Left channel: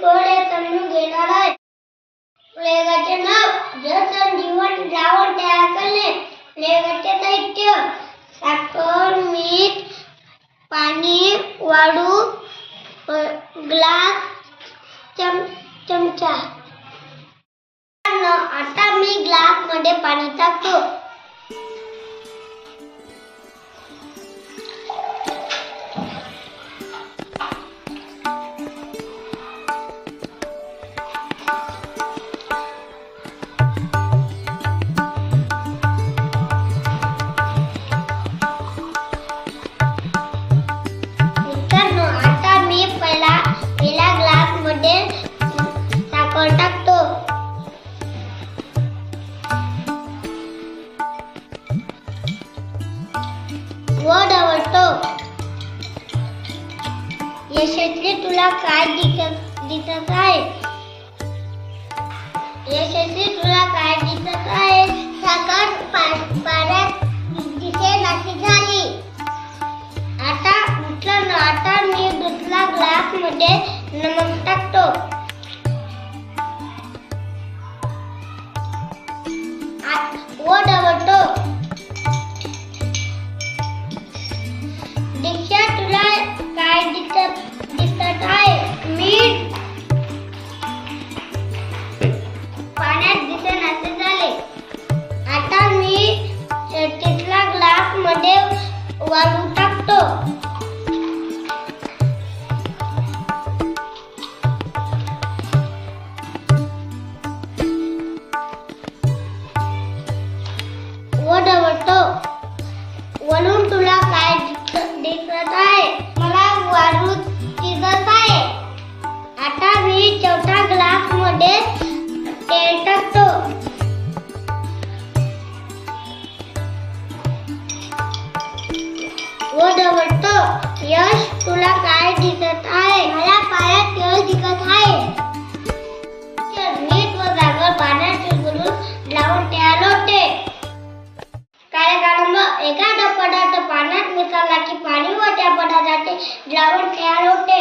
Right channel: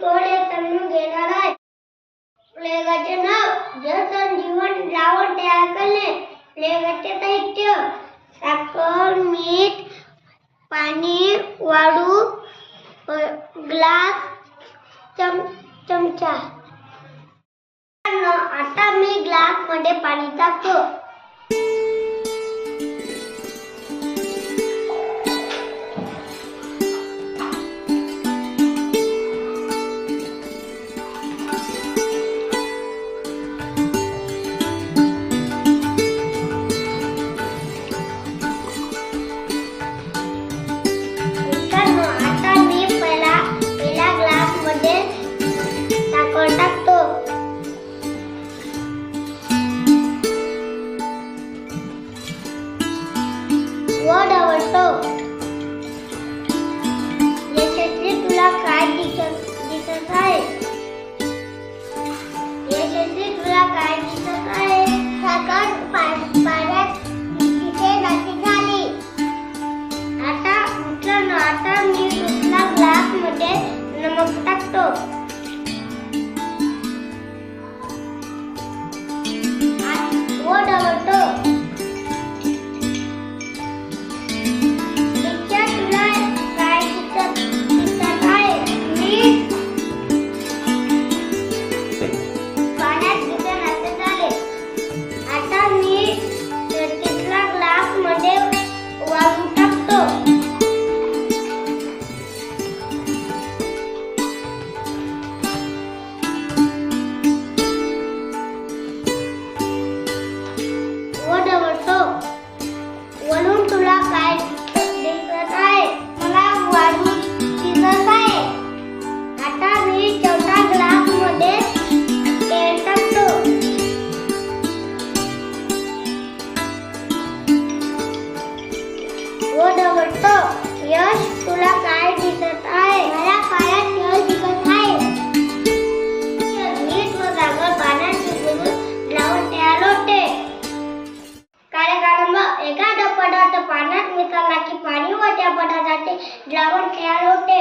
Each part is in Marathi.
कोडे समजून घेणार आहे. प्रयोगाचे नाव जल जीवन द्रावण तयार करणे. प्रयोगाचे साहित्य साखर, मीठ, पाणी, वाळू, ग्लास, चमचा. आता मी ग्लास मध्ये पाणी टाकतो. आता मी पहिला ग्लास मध्ये साखर टाकतो. व ढवळतो. यशस्वी तुला काय दिसत आहे? यशस्वी तुला काय दिसत आहे? साखर पाण्यात दिसेनाशी झाली. आता मी दुसरा ग्लास मध्ये नमक टाकतो. व ढवळतो. दीक्षा तुला काय दिसत आहे? मीठ पाण्यात दिसेनासे झाले. आता मी तिसरा ग्लास मध्ये वाळू टाकतो. व ढवळतो. वरून तुला काय दिसत आहे? मला वाळू दिसत आहे. आता मी चौथा ग्लास मध्ये तेल टाकतो. व ढवळतो. यश तुला काय दिसत आहे? मला काळा तेल दिसत आहे. मीठ व साखर पाण्यात विरघळून द्रावण तयार होते. एखादा पदार्थ पाण्यात मिसळला की पाणी व त्या पदार्थाचे द्रावण तयार होते.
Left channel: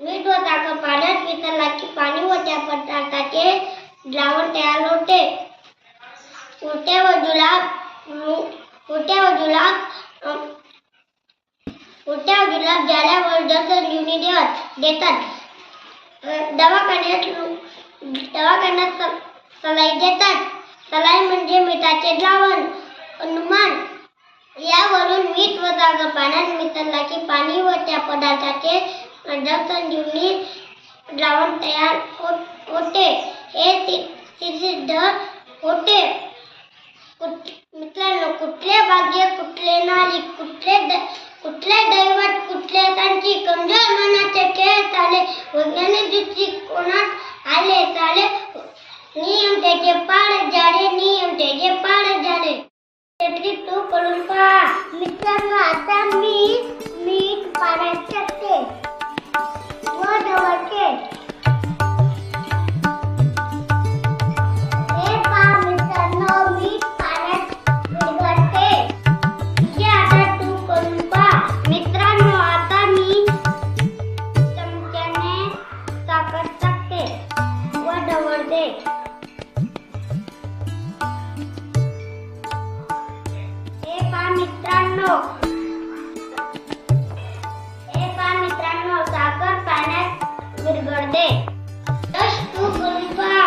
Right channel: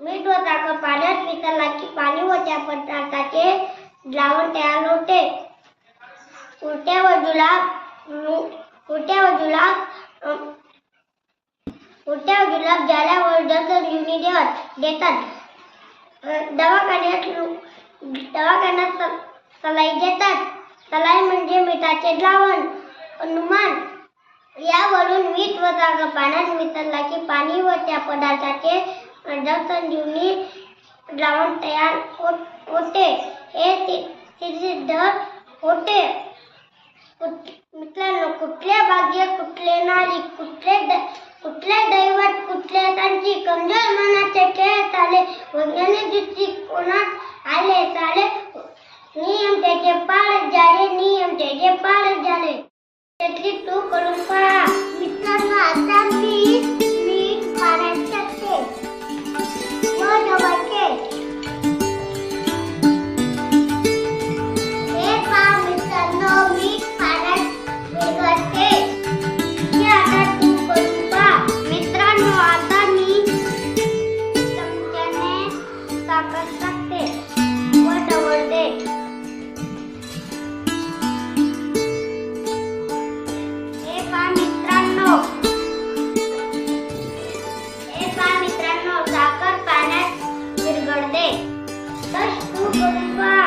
मीठ व साखर पाण्यात मिसळला की पाणी व त्या पदार्थाचे द्रावण तयार होते. उलट्या व जुलाब झाल्यावर जलसंजीवनी देतात. दवाखान्यात सलाई देतात. सलाई म्हणजे मिठाचे द्रावण. अनुमान यावरून मीठ व साखर पाण्यात मिसळला की पाणी व त्या पदार्थाचे जलसंजीवनी द्रावण तयार होते. हे सिद्ध होते. मित्रांनो, कुठले भाग्य, कुठले नाली, कुठले दैवत, कुठले सांची, कमजोर मनाचे खेळ चाले, वैज्ञानिक दृष्टिकोनात आले चाले. नियम त्याचे पाड झाले, नियम त्याचे पाड झाले. त्यातली तू करून पहा. मित्रांनो, आता मी मीठ पाण्यात टाकते व ढवळते. हे पहा मित्रांनो, मीठ पाण्यात विरघळते. हे आता तू करून पहा. मित्रांनो, आता मी चमच्याने साखर टाकते व ढवळते. साखर पाण्यात विरघळते. तस तू करून पहा.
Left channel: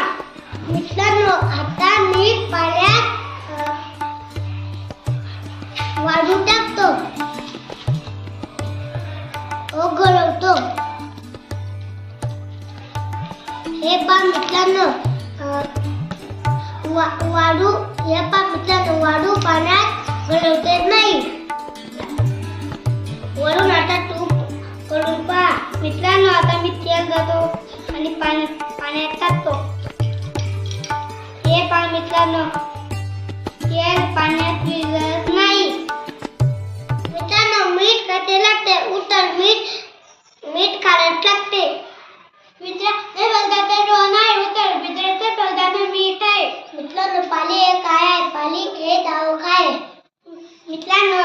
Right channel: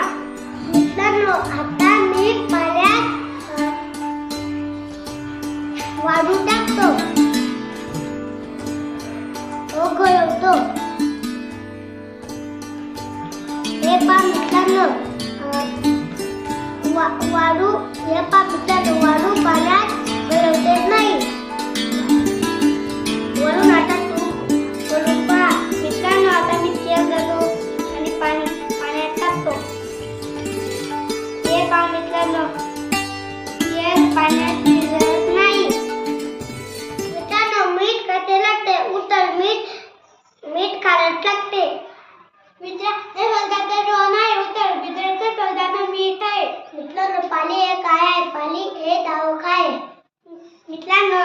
मित्रांनो, आता मी पाण्यात वाळू टाकतो व घोळवतो. हे पहा मित्रांनो, वाळू पाण्यात घोळवते नाही. वरून आता तू करून पहा. मित्रांनो, आता मी तेल घेतो आणि पाण्यात टाकतो. हे पहा मित्रांनो, तेल पाण्यात विरघळत नाही. मित्रांनो, मीठ कसे लागते? उत्तर मीठ खारट लागते. मीठ आहे. मित्रांनो, पाणी हे काय आहे? पाणी हे द्रावक आहे. मित्रांनो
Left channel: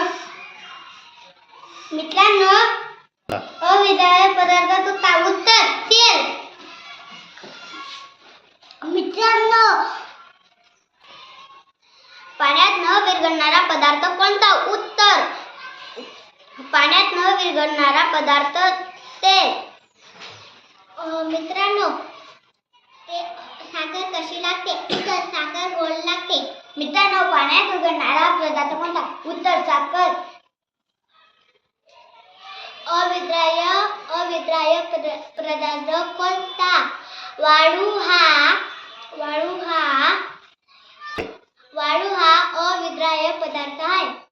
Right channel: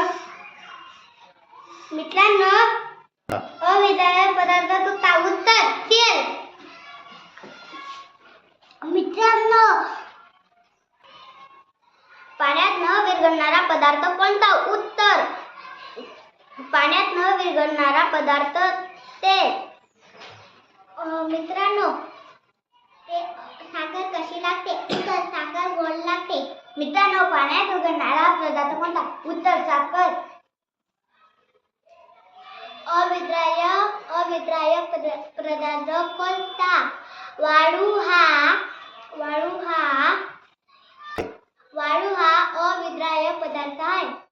अविद्राव्य पदार्थाचं उत्तर तेल. मित्रांनो, पाण्यात न विरघळणारा पदार्थ कोणता? उत्तर पाण्यात न विरघळणारा पदार्थ तेल. मित्रांनो, साखर कशी लागते? उत्तर साखर गोड लागते. मित्रांनो, पाण्यात विरघळणारा पदार्थ कोणता? उत्तर साखर. अविद्राव्य पदार्थ कोणता? वाळू हा अविद्राव्य पदार्थ आहे.